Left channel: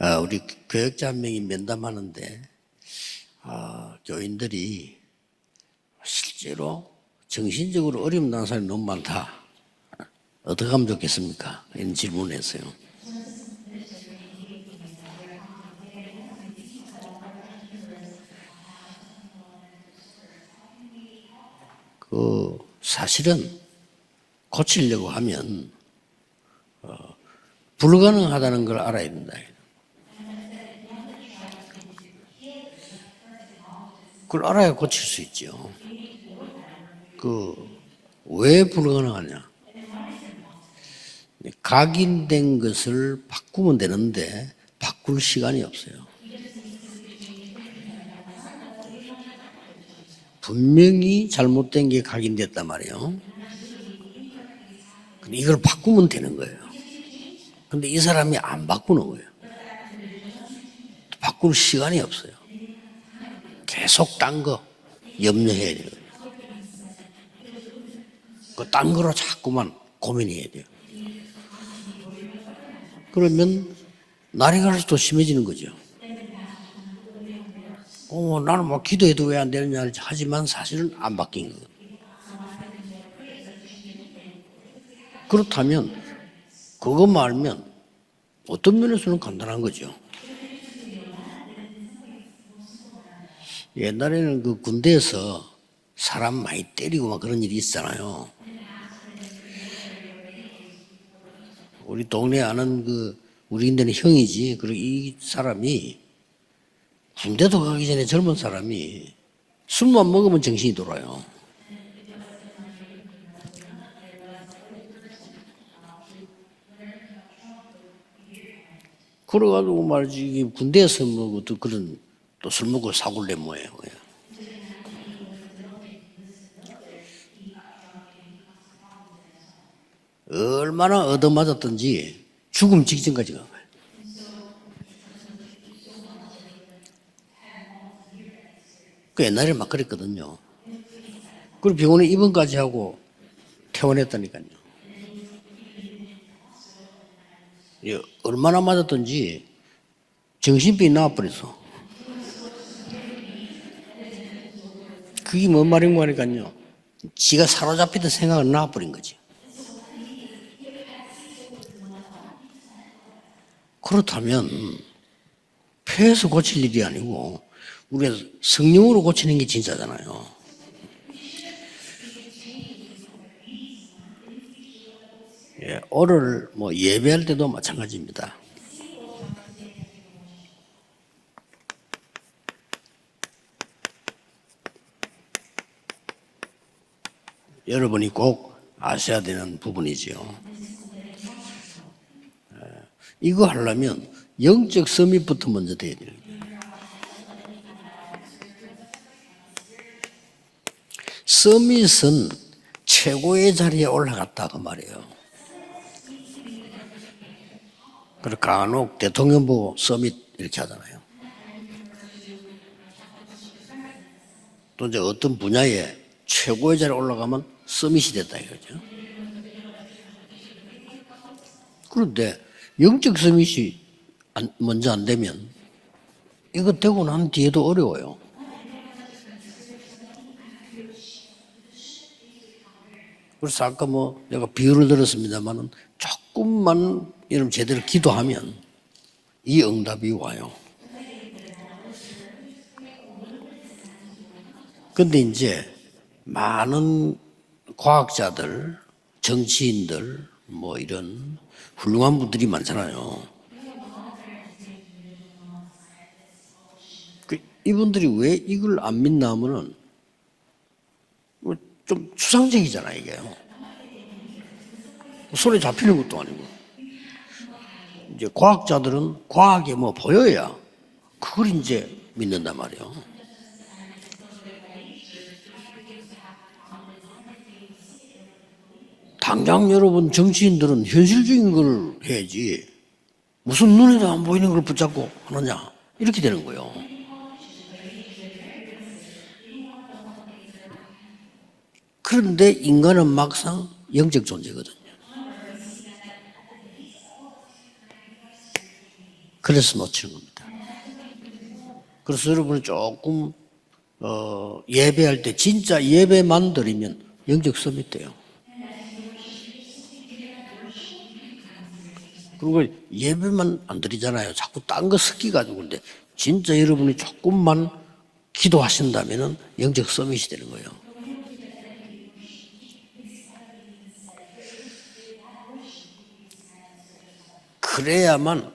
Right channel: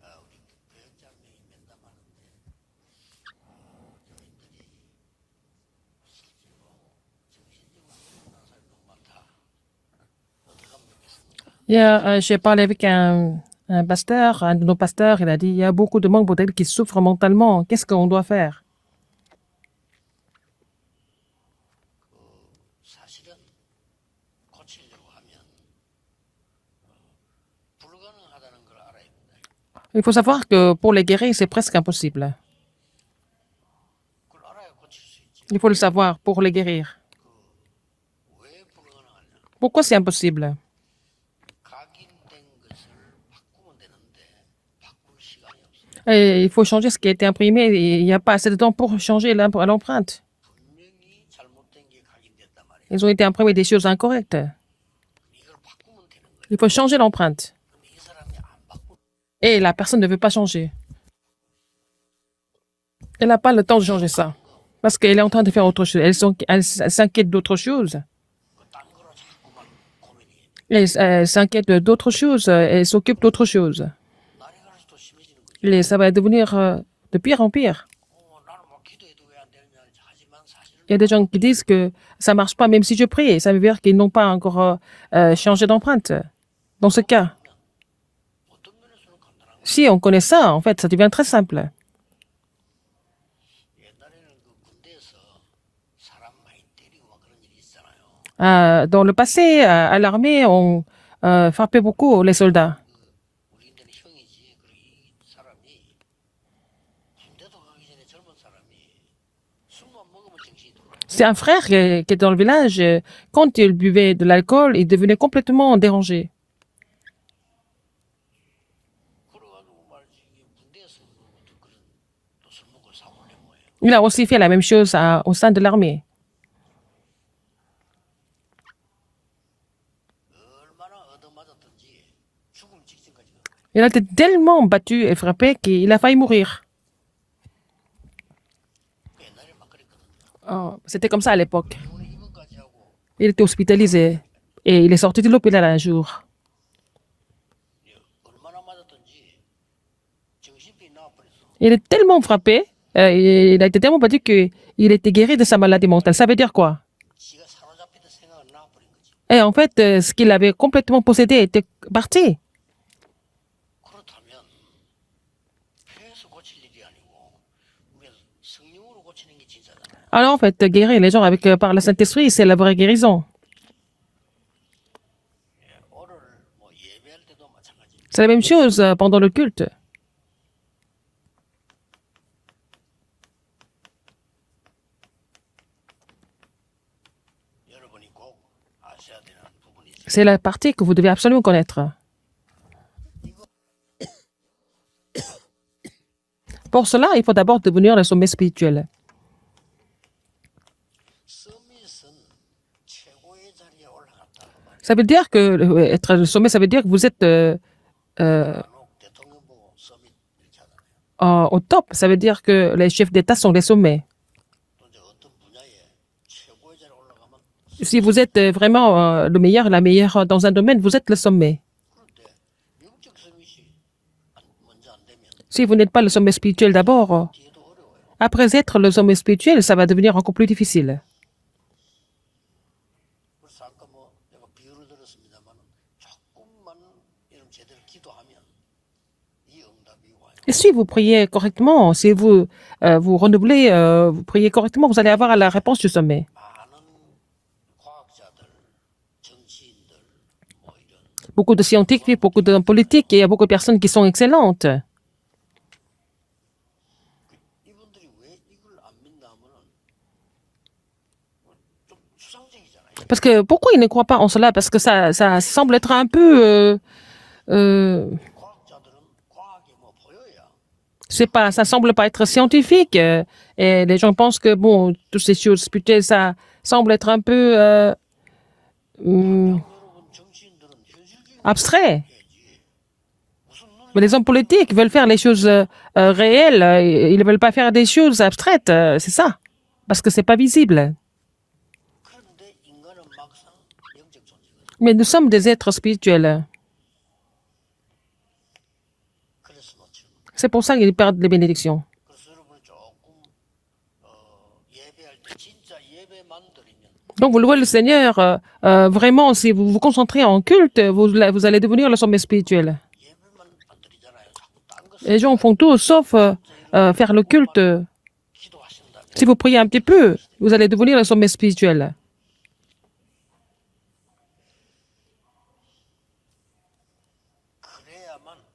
우리 교역자 한 명이 면담하는데 교인들이 실제로 정신적으로 어려움 당한 사람이 너무 많다. 어떻게 하면 좋겠습니까? J'ai parlé avec un pasteur, un de nos pasteurs, il a dit il y a beaucoup de membres d'elle qui souffrent mentalement. Qu'est-ce qu'on doit faire? 사실은 고치려고 하면 불가능하다는 걸 알아야 된다. Il faut savoir que pour les guérir, c'est presque impossible. 그걸 알아야 고칠 수 있죠. Il faut le savoir pour les guérir. 왜 불가능하냐? Pourquoi c'est impossible? 각인된 것을 바꾸면 되는데 바꿀 시간이 없어요. Et il faut changer ce qui a été imprimé. Il n'y a pas assez de temps pour changer l'empreinte. 분명히 잘못된 게 각인됐단 말이에요. Ils ont été imprimés des choses incorrectes. 근데 이걸 바꾸면 되는 거예요. Il faut changer l'empreinte. 근데 이 사람이 안 바꾸는 거예요. Et la personne ne veut pas changer. 바꿀 시간이 없어요. Elle n'a pas le temps de changer 계속 ça. 딴 거, Parce qu'elle est en train de faire autre chose. Elle s'inquiète d'autre chose. 딴 거로 자꾸만 고민해야 돼요. Elle s'inquiète d'autre chose. Elle s'occupe d'autre chose. 날이 갈수록 더 심해지는 거죠. Et ça va devenir de pire en pire. 나는 뭐 기도해도 왜 안 되느냐 하지만 사실은 Il y a des 안 gens qui 바뀌는 disent que ça ne marche pas même si je prie. Ça veut dire qu'ils n'ont pas encore changé d'empreinte. Dans ce 그것만 cas, 알면 어떤 면에서는 간단한 거죠. si on connaît ça, en fait, ça devient très simple. 옛날에는 그 군대에서 사람 많이 때리고 막 그런 일이 있잖아요. Dans le passé, à l'armée, on frappait 우리 beaucoup les 동네 soldats. 아는 우리인들은 형이지. 그리고 이 사람이 군대도 가기 전에 젊은 사람이 술만 먹으면 정신이 돌아요. C'est un frère qui est dans le village. Quand il buvait de l'alcool, il devenait complètement dérangé. 그래가지고 말이지 이게 군대에서 뭐 또 그런 또 술 먹고 사골래 뭐예요. Il a aussi fait la même chose au sein de l'armée. 얼마나 얻어맞았든지 죽음 직전까지 간 거예요. Il a été tellement battu et frappé qu'il a failli mourir. 그 옛날에 막 그랬거든요. C'était comme ça à l'époque. 그리고 병원에 입원까지 하고 Il était hospitalisé 퇴원했다니까요. et il est sorti de l'hôpital un jour. 얼마나 맞았든지 정신병이 나와버렸어. Il est tellement frappé, il a été tellement battu qu'il était guéri de sa maladie mentale. Ça veut dire quoi? 지가 사로잡히던 생각은 나와버린 거지. Et en fait, ce qu'il avait complètement possédé était parti. 그렇다면 폐에서 고칠 일이 아니고 우리가 성령으로 고치는 게 진짜잖아요. Alors en fait, guérir les gens par le Saint-Esprit, c'est la vraie guérison. 오늘 뭐 예배할 때도 마찬가지입니다. C'est la même chose pendant le culte. 여러분이 꼭 아셔야 되는 부분이죠. C'est la partie que vous devez absolument connaître. 이거 하려면 영적 서밋부터 먼저 돼야 돼요. Pour cela, il faut d'abord devenir le sommet spirituel. 서밋은 최고의 자리에 올라갔다 그 말이에요. Ça veut dire que être le sommet, ça veut dire que vous êtes 간혹 대통령 보고 서밋 이렇게 하잖아요. au top. Ça veut dire que les chefs d'État sont des sommets. 또 이제 어떤 분야에 최고의 자리에 올라가면 Si 서밋이 vous êtes 됐다. vraiment le meilleur, la meilleure dans un domaine, vous êtes le sommet. 그런데 영적 서밋이 먼저 안 되면 Si vous n'êtes pas le sommet spirituel 이걸 되고 d'abord, 난 뒤에도 어려워요. après être le sommet spirituel, ça va devenir encore plus difficile. 그래서 아까 뭐 내가 비유를 들었습니다만은 조금만 이런 제대로 기도하면 이 응답이 와요. Et si vous priez correctement, si vous vous renouvelez, vous priez correctement, vous allez avoir la réponse du sommet. 많은 과학자들, 정치인들 뭐 이런 Beaucoup de scientifiques, beaucoup d'hommes politiques, et il y a beaucoup de personnes qui sont excellentes. 이분들이 왜 이걸 안 믿나 하면은 좀 추상적이잖아요. 이게. Parce que pourquoi ils ne croient pas en cela? Parce que ça semble être un peu... 이제 과학자들은 과학이 뭐 보여야 ça semble pas être scientifique. Et les gens pensent que, bon, toutes ces choses spirituelles, ça semble être un peu... 당장 여러분 정치인들은 현실적인 걸 abstrait. 해야지. 무슨 눈에 Les hommes politiques veulent faire les choses réelles. Ils ne veulent pas faire des choses abstraites. C'est ça. Parce que c'est pas visible. 그런데 인간은 막상 영적 존재거든. Mais nous sommes des êtres spirituels. 그래서 놓치는 겁니다. C'est pour ça qu'ils perdent les bénédictions. 그래서 여러분이 조금 예배할 때 진짜 예배만 드리면 Donc, vous louez le 영적 Seigneur, vraiment, si vous vous concentrez en culte, vous allez devenir le sommet spirituel. 예배만 안 드리잖아요. 자꾸 딴거 Les gens font tout sauf 진짜 여러분이 faire le culte. 조금만 기도하신다면 Si vous priez un petit 영적 peu, 성이시 되는 vous allez devenir le sommet spirituel. 그래야만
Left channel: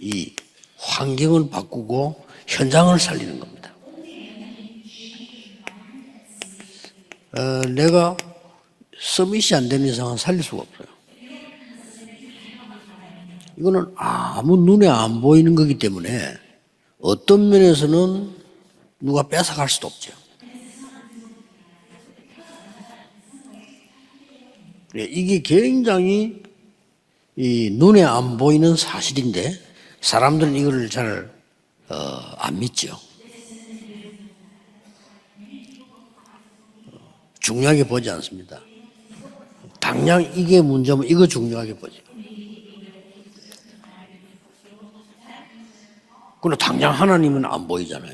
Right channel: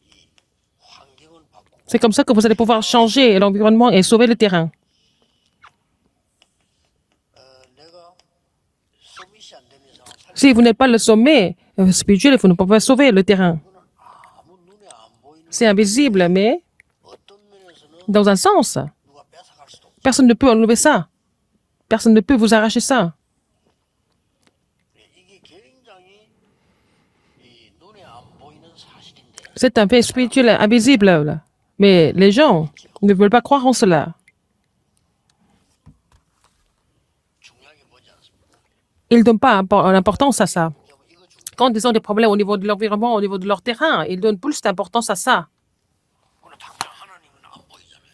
이 환경을 바꾸고 C'est comme ça que vous allez pouvoir 현장을 changer l'environnement et sauver le terrain. 내가 서밋이 안 되는 이상은 살릴 Si 수 vous n'êtes pas le sommet spirituel, vous ne pouvez pas sauver le terrain. 이거는 아무 눈에 안 보이는 C'est 거기 invisible, 때문에 mais 어떤 면에서는 dans un sens, 누가 뺏어갈 수도 없죠. personne ne peut enlever ça. Personne ne peut vous arracher ça. 이게 굉장히 이 눈에 안 보이는 사실인데 C'est un fait spirituel 사람들은 이거를 invisible. 잘 là. Mais les gens 믿죠. ne veulent pas croire en cela. 중요하게 보지 않습니다. Ils ne donnent pas 당장 l'importance à 이게 ça. 문제면 이거 Quand 중요하게. ils ont des problèmes au niveau de l'environnement, au niveau de leur terrain, ils donnent plus d'importance à ça. 그러나 당장 하나님은 안 보이잖아요.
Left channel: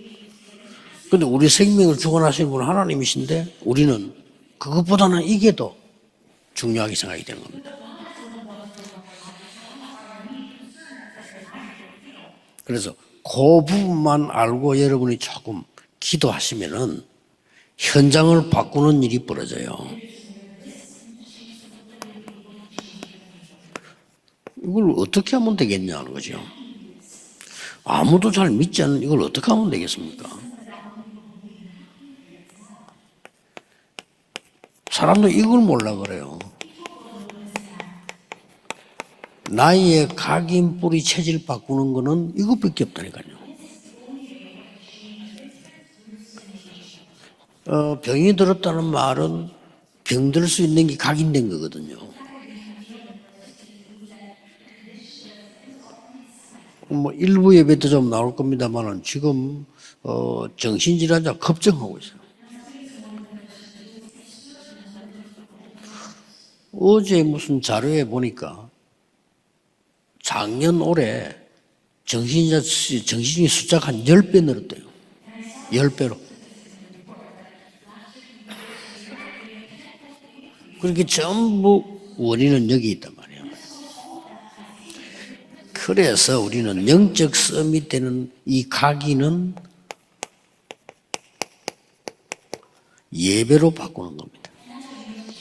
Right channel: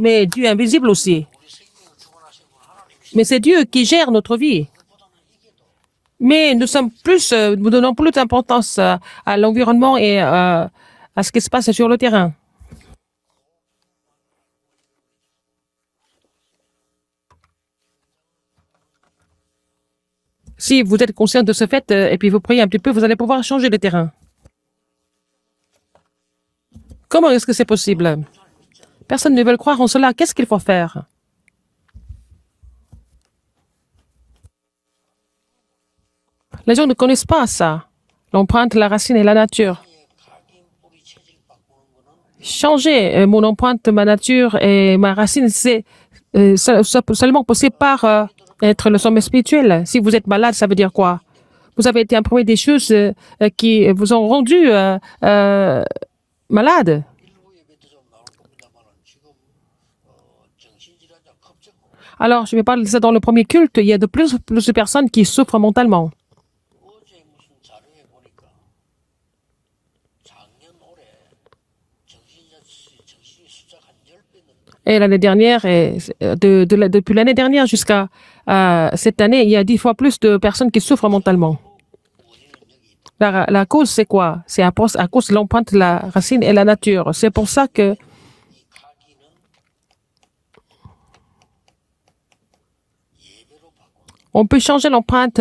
Mais Dieu est invisible aussi. 근데 우리 생명을 주관하시는 분은 Mais 하나님이신데 c'est Dieu qui 우리는 gère notre vie. 그것보다는 이게 더 Mais nous sommes plus, nous donnons plus d'importance à l'environnement et à ce qui se passe sur le terrain. 그래서 그 부분만 알고 여러분이 조금 기도하시면은 현장을 바꾸는 일이 벌어져요. Si vous êtes conscient de ce fait et puis vous priez un petit peu, vous allez pouvoir changer le terrain. 이걸 어떻게 하면 되겠냐는 거죠. Comment est-ce que c'est possible? 아무도 잘 믿지 않는 이걸 Personne ne 어떻게 veut 하면 croire en 되겠어요. cela. Qu'est-ce qu'il faut faire? 사람도 이걸 몰라 그래요. Les gens ne connaissent pas ça. L'empreinte, la racine et la nature. 나의 각인 뿌리 체질 바꾸는 거는 이것밖에 Changer mon empreinte, ma nature et ma racine, c'est seulement possible par être le sommet spirituel. Si vous êtes malade, ça veut dire quoi? 각인된 거거든. Vous avez été imprégné des choses qui vous ont rendu malade. 뭐 일부 예배 때 좀 나올 겁니다만은 지금 정신질환자 급증하고 있어요. Alors, je vais parler de ça dans le premier culte. Il y a de plus en plus de personnes qui souffrent mentalement. 어제 무슨 자료에 보니까 작년 올해 정신이 숫자가 한 10배 늘었대요. Et l'année dernière, depuis l'année dernière jusqu'à cette année, il y a 10 fois plus de personnes qui souffrent mentalement. 전부 원인은 여기 있다. La cause, c'est quoi? C'est à cause de l'empreinte, la 그래서 racine et la nature. 영적 C'est pour ça 썸이 que 되는 이 각인은 예배로 바꾸는 겁니다. on peut changer l'empreinte,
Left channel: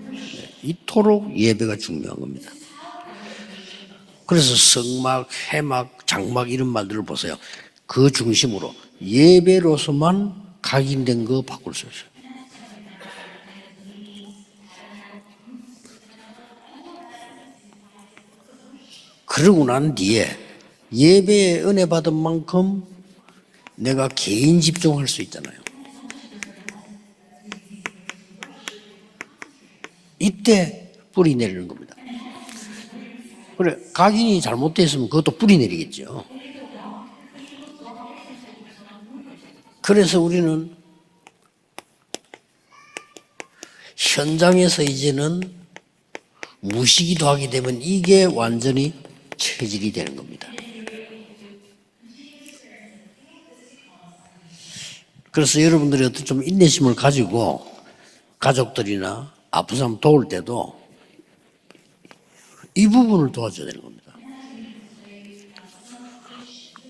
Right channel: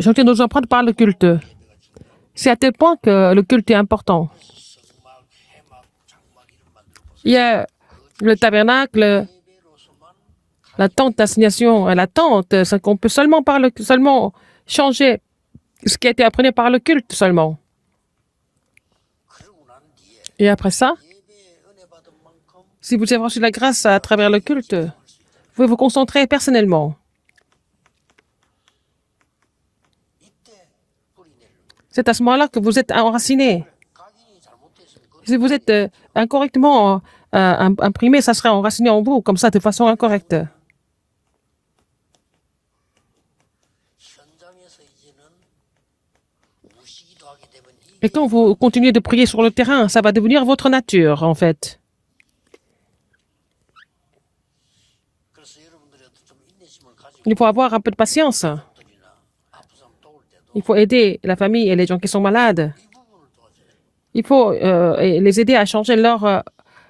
changer nos empreintes par le 이토록 culte. 예배가 중요한 겁니다. C'est à tel point que le culte est important. 그래서 성막, 해막, 장막 이런 말들을 보세요. Il y a 그 le 중심으로 tabernacle, 예배로서만 la 각인된 tente 거 d'assignation, la tente, c'est qu'on peut seulement changer ce qui a été appris par le culte seulement. 그러고 난 뒤에 Et après ça, 예배에 은혜 받은 만큼 si vous avez reçu la grâce à 내가 travers le 개인 culte, 집중할 수 있잖아요. vous pouvez vous concentrer personnellement. 이때 뿌리 내리는 겁니다. C'est à ce moment-là que vous êtes enraciné. 그래 각인이 잘못됐으면 그것도 Si vous 뿌리 êtes 내리겠죠. incorrectement imprimé, ça serait enraciné en vous, comme ça, de façon 그래서 incorrecte. 우리는 현장에서 이제는 무시기도 하게 되면 Et 이게 quand vous continuez 완전히 de prier sur le terrain, ça va devenir votre nature, en fait. 그래서 여러분들이 어떤 좀 인내심을 Il faut 가지고 avoir un peu de patience. 가족들이나 아픈 사람 도울 Il 때도 faut aider la famille et les gens qui sont malades. 이 부분을 도와줘야 되는 겁니다. Il faut les aider à changer leur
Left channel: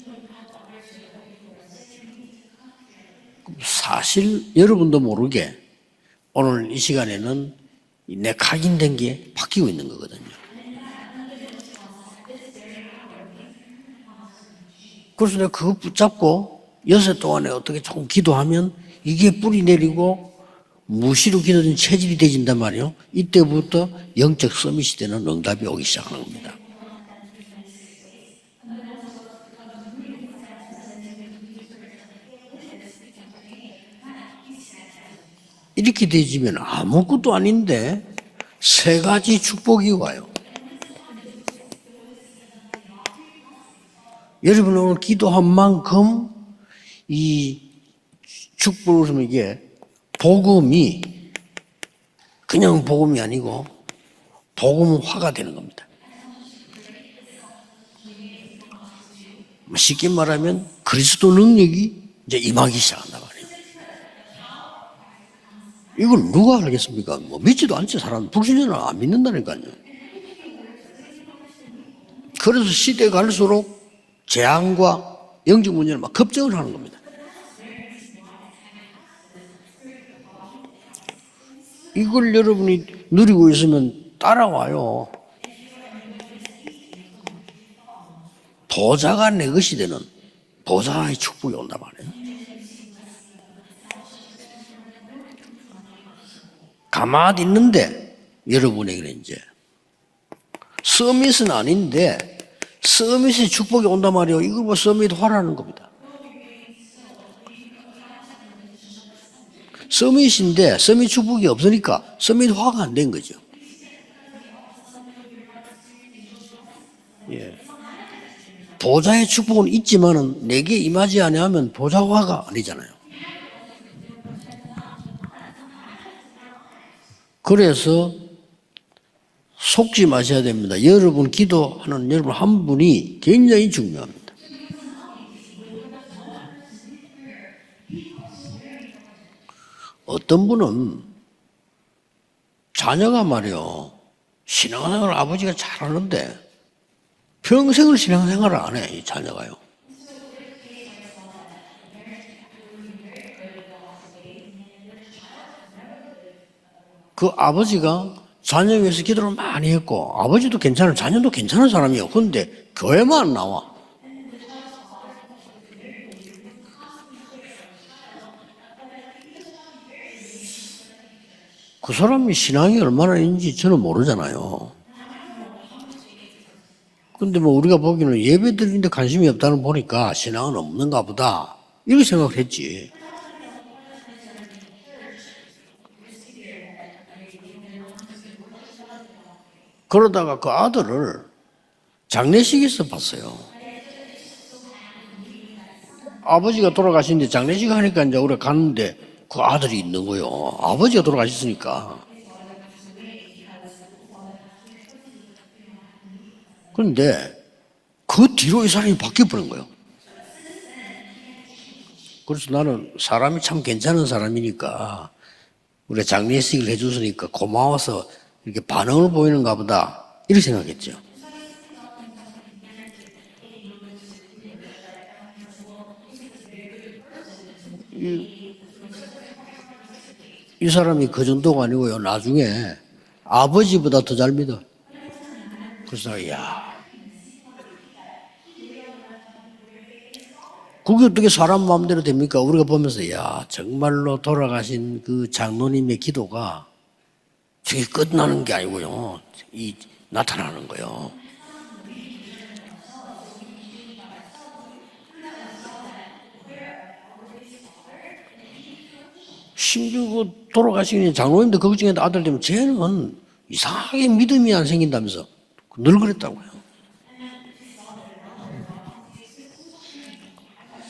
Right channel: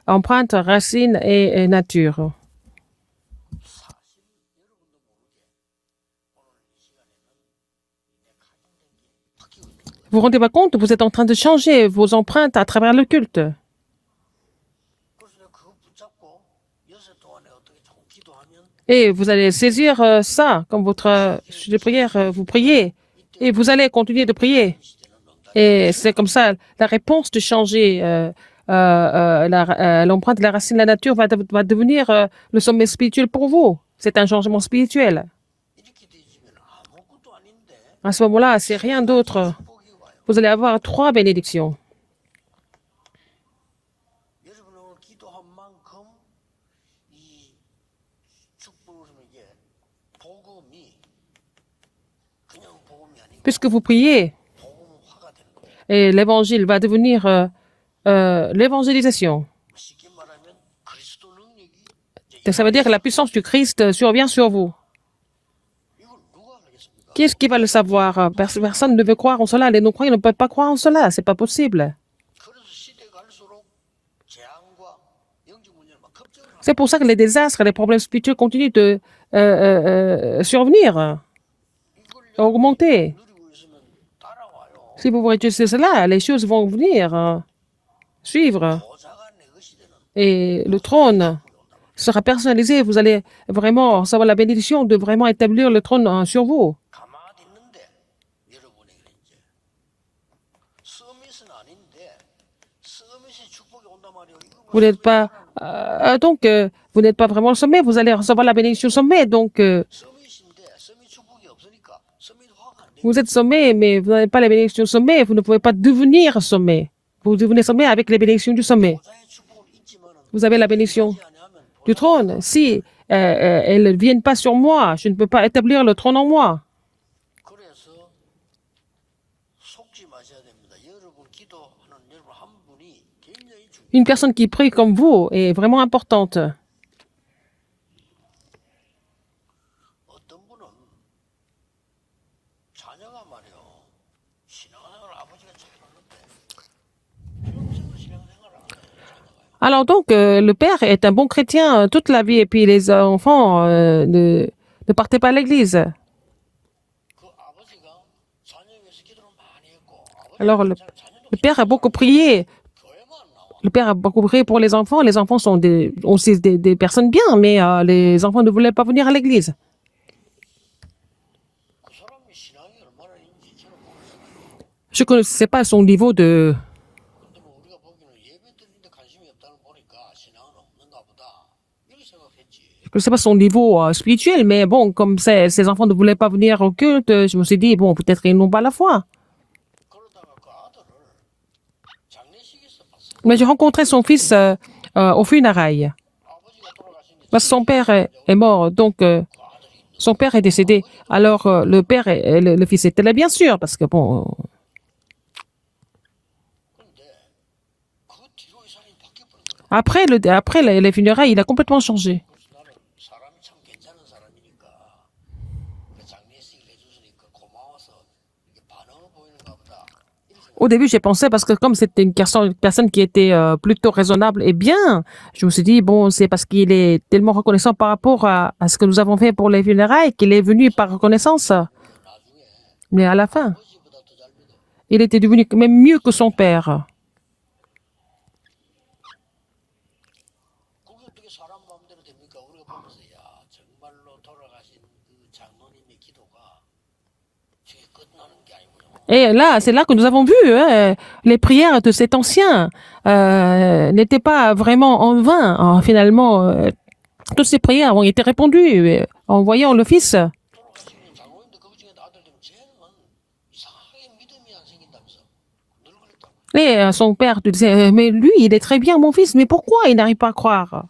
empreinte, racine et nature. 사실 여러분도 모르게 오늘 이 시간에는 내 각인된 게 바뀌고 있는 Vous 거거든요. vous rendez pas compte, vous êtes en train de changer vos empreintes à travers le culte. 그래서 내가 그거 붙잡고 여섯 동안에 어떻게 조금 기도하면 Et vous 이게 allez 뿌리 saisir 내리고 ça comme votre 무시로 기도된 de prière. 체질이 Vous 되진단 priez 말이에요. et vous allez 이때부터 continuer de 영적 prier. 서밋이 되는 응답이 오기 Et c'est comme 시작합니다. ça, la réponse de changer l'empreinte, la racine, la nature va devenir le sommet spirituel pour vous. C'est un changement spirituel. 이렇게 되지면 아무것도 아닌데 À ce moment-là, c'est 세 rien 가지 d'autre. 축복이 와요. Vous allez avoir 3 bénédictions. 여러분 오늘 기도한 만큼 이 축복을 주면 이게 복음이 그냥 복음이 아니고 Puisque vous priez, 복음화가 되는 겁니다. Et l'évangile va devenir l'évangélisation. 쉽게 말하면 그리스도 능력이 이제 Et ça veut dire que la 임하기 puissance du Christ survient sur vous. 이걸 누가 알겠습니까? Qui est-ce qui va le 믿지도 않는 savoir? 사람, 불신자는 Personne 안 ne peut 믿는 croire en 거니까요. cela. Les non-croyants ne peuvent pas croire en cela. C'est pas possible. 그래서 시대 갈수록 재앙과 영적 문제를 막 급증을 하는 C'est 거예요. pour ça que les désastres, les problèmes spirituels continuent de survenir. 이걸 augmenter. 여러분이 누리고 있으면 따라와요. Si vous réussissez cela, les choses vont venir suivre. 보좌가 내 것이 되는 Et le 보좌의 trône 축복이 온단 말이에요. sera personnalisé. Vous allez vraiment savoir la bénédiction de vraiment établir le trône sur vous. 가만히 있는데 여러분에게는 이제 서밋은 아닌데 서밋의 축복이 온단 말이에요. 이거 뭐 Vous n'êtes 서밋 pas, 하라는 거. donc, vous n'êtes pas vraiment au sommet. Vous allez recevoir la bénédiction au sommet. Donc, 서밋인데 서밋 축복이 없으니까 서밋 화가 안 된 vous êtes 거죠. sommet, mais vous n'avez pas la bénédiction au sommet. Vous ne pouvez pas devenir sommet. Vous devenez sommet avec les bénédictions du sommet. 보좌의 축복은 있지만은 Vous avez la 내게 bénédiction 임하지 아니하면 Du 보좌 trône, 화가 si 아니잖아요. elles ne viennent pas sur moi, je ne peux pas établir le trône en moi. 그래서 속지 마셔야 됩니다. 여러분 기도하는 여러분 한 분이 굉장히 Une 중요해요. personne qui prie comme vous est vraiment importante. 어떤 분은 자녀가 말이요 신앙생활 아버지가 잘하는데 평생을 신앙생활을 안 해, 이 자녀가요. Alors donc, le père est un bon chrétien toute la vie et puis les enfants ne partaient pas à l'église. 그 아버지가 자녀 위해서 기도를 많이 했고 아버지도 Alors, 괜찮은 자녀도 le père 괜찮은 a beaucoup 사람이에요. prié. 그런데 교회만 안 나와. Le père a beaucoup prié pour les enfants. Les enfants sont aussi des personnes bien, mais les enfants ne voulaient pas venir à l'église. 그 사람이 신앙이 얼마나 있는지 저는 모르잖아요. Je ne connaissais pas son niveau de... 근데 뭐 우리가 보기에는 예배 드리는데 관심이 없다는 보니까 신앙은 없는가 보다. 이렇게 생각을 했지. Je ne sais pas son niveau spirituel, mais bon, comme ces enfants ne voulaient pas venir au culte, je me suis dit, bon, peut-être ils n'ont pas la foi. 그러다가 그 아들을 장례식에서 봤어요. Mais j'ai rencontré son fils au funérailles. 아버지가 돌아가신데 Parce que son 장례식 père 하니까 이제 est 우리 mort, 갔는데 donc 그 아들이 있는 son 거예요. père est décédé. 아버지가 Alors 돌아가셨으니까. le père et le fils étaient là, bien sûr, parce que bon, 그런데 그 뒤로 이 사람이 바뀌어 버린 거예요. après les funérailles, il a complètement changé. 그래서 나는 사람이 참 괜찮은 사람이니까 우리가 장례식을 해줬으니까 고마워서 이렇게 반응을 보이는가 보다. 이렇게 Au 생각했어요. début, j'ai pensé, parce que comme c'était une personne qui était plutôt raisonnable et bien, je me suis dit, bon, c'est parce qu'il est tellement reconnaissant par rapport à ce que nous avons fait pour les funérailles qu'il est venu 이 par 사람이 그 reconnaissance. 정도가 아니고요. 나중에 Mais à la fin, 아버지보다 더 잘 믿어. il était devenu même mieux que son père. 그게 어떻게 사람 마음대로 됩니까? 우리가 보면서 야 정말로 돌아가신 그 장로님의 기도가 저게 끝나는 게 아니고요. Et là, c'est là que nous avons vu, les prières de cet ancien n'étaient pas vraiment en vain. Finalement, toutes ces prières ont été répondues en voyant le Fils. 돌아가신 장로님도 걱정했는데 아들 되면 쟤는 이상하게 믿음이 안 생긴다면서 늘 그랬다고요. Et son père te disait, mais lui, il est très bien, mon fils, mais pourquoi il n'arrive pas à croire?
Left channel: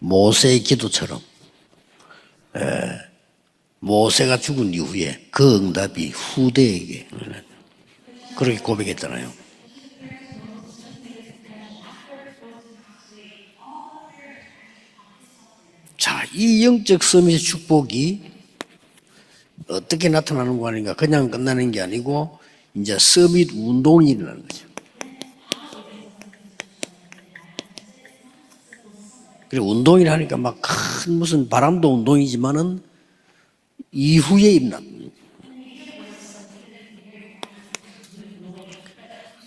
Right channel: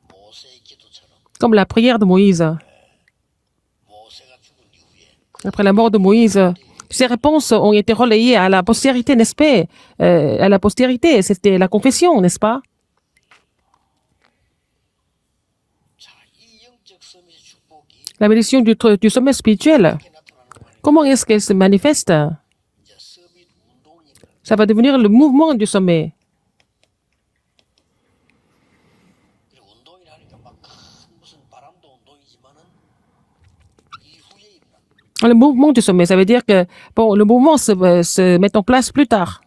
모세의 기도처럼 Comme la prière de Moïse. 모세가 죽은 이후에 그 Après la mort de 응답이 Moïse, 후대에게 ces réponses ont été relayées à la postérité, n'est-ce pas? À la postérité, c'était la confession, n'est-ce pas? 자, 이 영적 서밋의 축복이 La bénédiction du sommet spirituel, 어떻게 나타나는 거 아닌가? comment 그냥 est-ce qu'elle se 끝나는 게 manifeste? 아니고 이제 서밋 운동이 일어나는 Ça va devenir le mouvement du sommet. 그리고 운동이라 하니까 막 큰 무슨 바람도 운동이지만은 이후에 일어난 Le mouvement du sommet, ça veut dire que bon, le mouvement se met en place plus tard.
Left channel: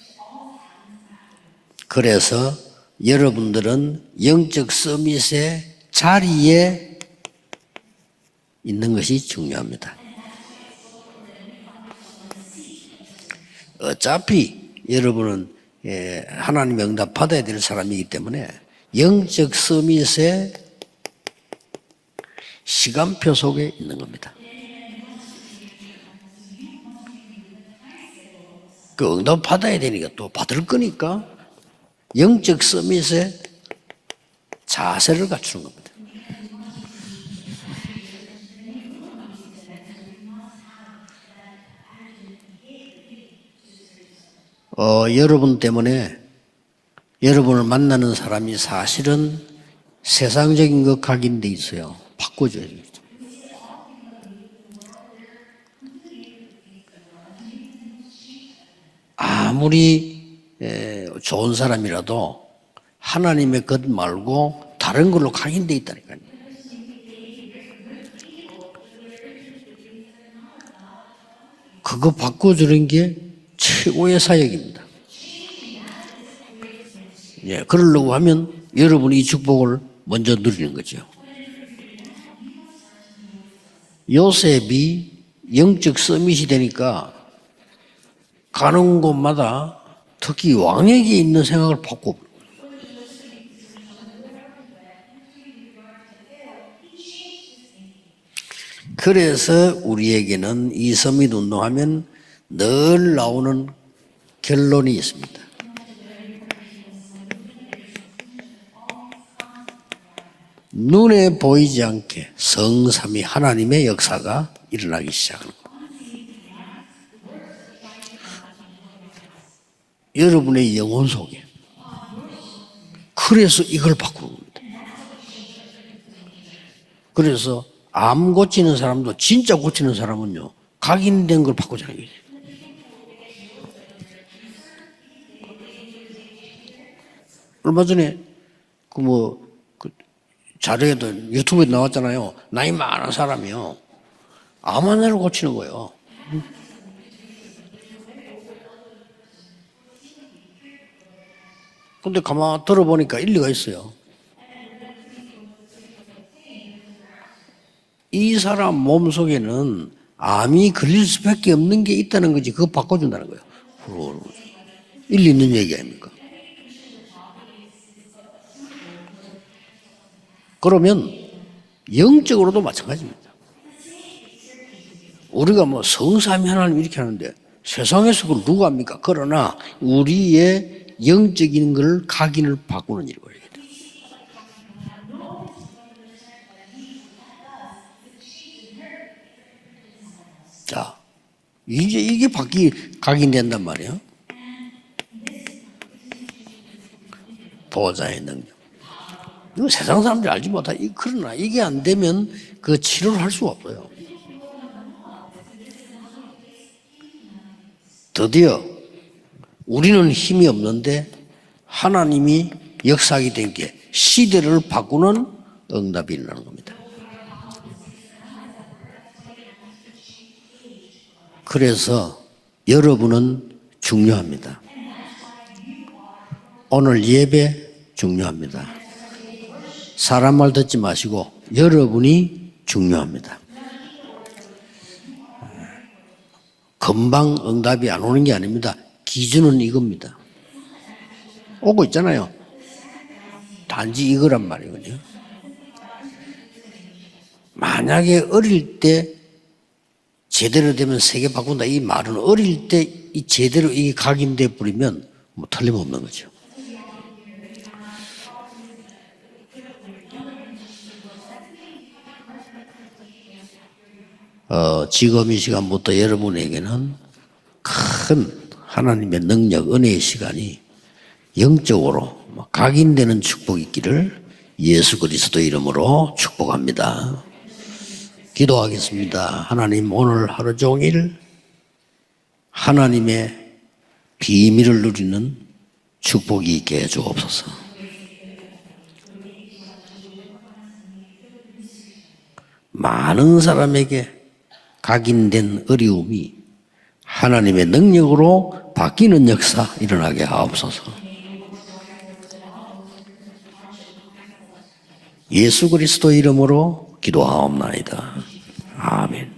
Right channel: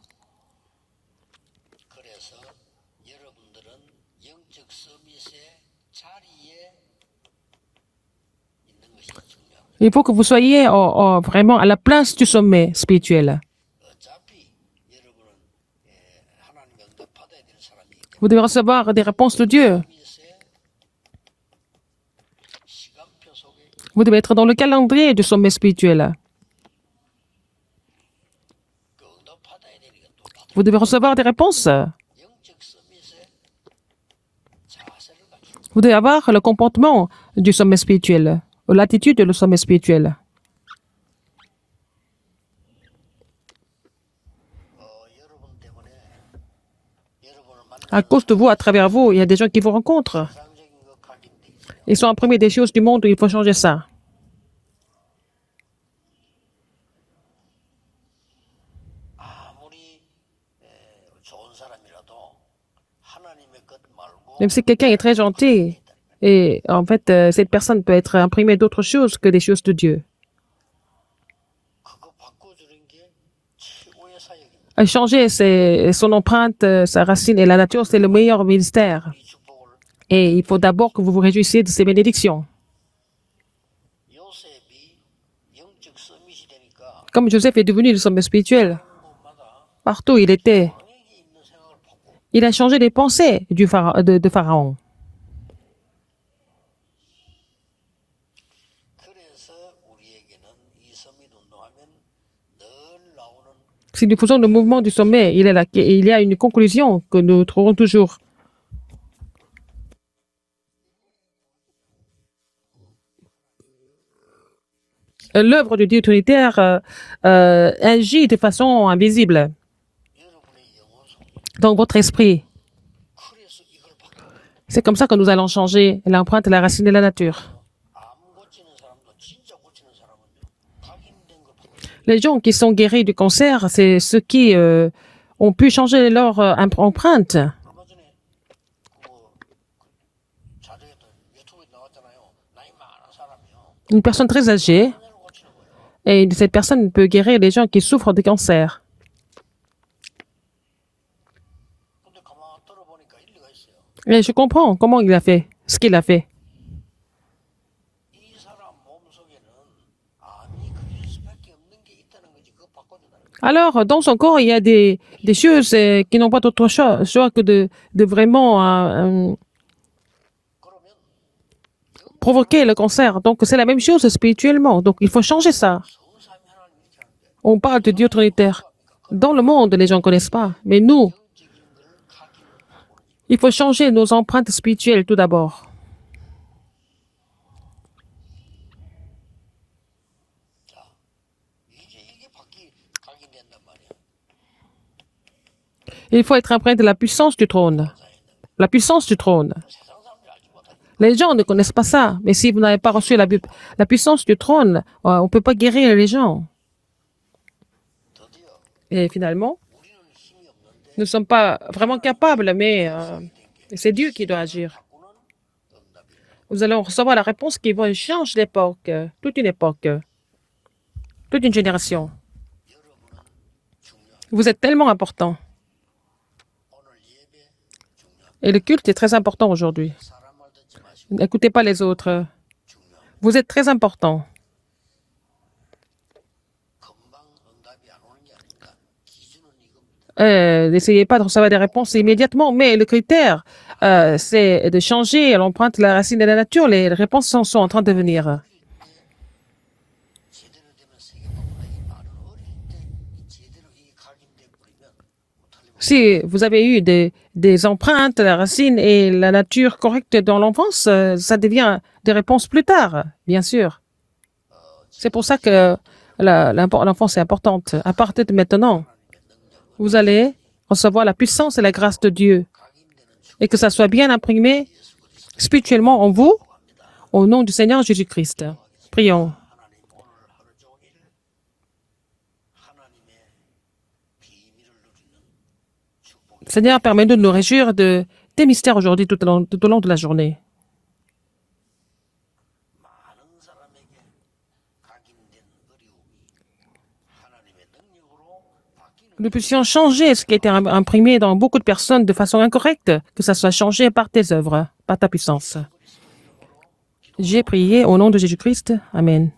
그래서 여러분들은 영적 서밋의 자리에 있는 것이 중요합니다. Il faut que vous soyez vraiment à la place du sommet spirituel. 어차피 여러분은 하나님의 응답 받아야 될 사람이기 Vous devez 때문에 recevoir des réponses de 영적 Dieu. 서밋의 시간표 속에 있는 Vous devez être dans le calendrier du sommet spirituel. 그 응답 받아야 되니까 또 받을 Vous devez recevoir des 거니까 réponses. 영적 서밋의 자세를 갖추는 겁니다. Vous devez avoir le comportement du sommet spirituel, ou l'attitude du sommet spirituel. 여러분 때문에 여러분을 À 만나는 cause de vous, à 사람이 travers vous, il y a des 사실은 gens qui vous rencontrent. 세상적인 것 각인돼 있어요. Ils sont imprimés des choses du monde, il faut changer ça. 아무리 좋은 사람이라도 하나님의 것 말고 Même si quelqu'un est 다른 très 걸로 각인돼 gentil, 있다니까요. et en fait, cette personne peut être imprimée d'autres choses que des choses de Dieu. 그거 바꿔주는 게 최고의 사역입니다. Changer son empreinte, sa racine et la nature, c'est le 그러려고 meilleur 하면 ministère. 여러분이 이 축복을 Et 먼저 il faut 누리는 d'abord que 거죠. vous vous réjouissiez de ces bénédictions. 요셉이 영적 서밋이 되니까 Comme Joseph est devenu le sommet spirituel, 가는 곳마다 partout où il 특히 était, 왕에게 있는 생각을 바꿔. il a changé les pensées de Pharaon. 그래서 우리에게는 이 서밋 운동하면 늘 나오는 Si nous faisons le mouvement du sommet, il y a une conclusion que nous trouvons toujours. 눈에 보이지 않게 성삼위 하나님의 역사가 일어나기 시작. L'œuvre de Dieu trinitaire agit de façon invisible 여러분의 영혼 속에. dans votre esprit. 그래서 이걸 바꾸는 겁니다. C'est comme ça que nous allons changer l'empreinte, la racine et la nature. 그래서 암 고치는 사람도 진짜 고치는 사람은요. 각인된 걸 바꾸자는 거예요. Les gens qui sont guéris du cancer, c'est ceux qui ont pu changer leur empreinte. 얼마 전에 그 자료에도 유튜브에 나왔잖아요. 나이 많은 사람이요. Une personne très âgée, 암 하나를 고치는 거예요. et cette personne peut guérir les gens qui souffrent de cancer. 근데 가만 들어보니까 일리가 있어요. Et je comprends comment il a fait, ce qu'il a fait. 이 사람 몸 속에는 암이 걸릴 수밖에 없는 게 있다는 거지. 그거 바꿔준다는 거예요. Alors, dans son corps, il y a des choses qui n'ont pas d'autre choix que de vraiment 그러면 영적으로도 provoquer le 마찬가지예요. cancer. Donc, c'est la même chose spirituellement. Donc, il faut changer 우리가 ça. 뭐 성삼위 하나님 이렇게 하는데 On parle de Dieu 세상에서 그걸 trinitaire. 누가 합니까? Dans le 그러나 monde, les gens ne connaissent pas. 우리의 Mais nous, 영적인 걸 각인을 바꾸는 일이에요. il faut changer nos empreintes spirituelles tout d'abord. 자, 이게 각인된단 말이에요. Il faut être imprégné de la puissance du trône. 보호자의 능력. La puissance du trône. 이거 세상 사람들이 알지 못하. Les gens ne connaissent pas ça. Mais si vous n'avez pas reçu la puissance du trône, on ne peut pas guérir les gens. 드디어 Et finalement, 우리는 힘이 nous 없는데 ne sommes pas vraiment capables, 하나님이 mais 역사하게 된 게 c'est Dieu qui doit 시대를 agir. 바꾸는 응답이 일어나는 거예요. nous allons recevoir la réponse qui va changer l'époque, toute une époque, toute une génération. 그래서 여러분은 중요합니다. Vous êtes tellement important. 오늘 예배 Et le 중요합니다. culte est très important aujourd'hui. 사람 말 듣지 마시고 Écoutez pas les 여러분이 중요합니다. Vous êtes très important. 금방 응답이 안 오는 게 아닙니다. 기준은 이겁니다. N'essayez pas de recevoir des réponses 있잖아요. immédiatement, mais le critère, 단지 이거란 c'est 말이에요. de changer l'empreinte, la racine et la nature. Les réponses sont en train de 만약에 venir. 어릴 때 제대로 되면 세계 바꾼다 이 말은 어릴 때 이 제대로 이게 각인돼 버리면 뭐 틀림없는 Si 거죠. vous avez eu des empreintes, la racine et la nature correcte dans l'enfance, ça devient des réponses plus tard, bien sûr. C'est 지금 pour ça 이 que 시간부터 여러분에게는 l'enfance est importante. À partir de maintenant, 하나님의 능력, vous 은혜의 allez 시간이 recevoir la puissance et la grâce de Dieu. 영적으로 각인되는 Et que ça soit bien 축복이 imprimé 예수 그리스도 spirituellement en 이름으로 vous, 축복합니다. au nom du Seigneur Jésus-Christ. 기도하겠습니다. Prions. 하나님 오늘 하루 종일 하나님의 비밀을 누리는 축복이 있게 Seigneur, permets-nous de nous 해주옵소서. réjouir de tes mystères aujourd'hui tout au long de la journée. 많은 사람에게 각인된 어려움이 하나님의 능력으로 바뀌는 Nous 역사 puissions changer ce 일어나게 qui était 하옵소서. imprimé dans beaucoup de personnes de façon incorrecte, que ça soit changé par tes œuvres, par ta puissance. 예수 그리스도 이름으로 J'ai prié 기도하옵나이다. au nom de Jésus-Christ. Amen.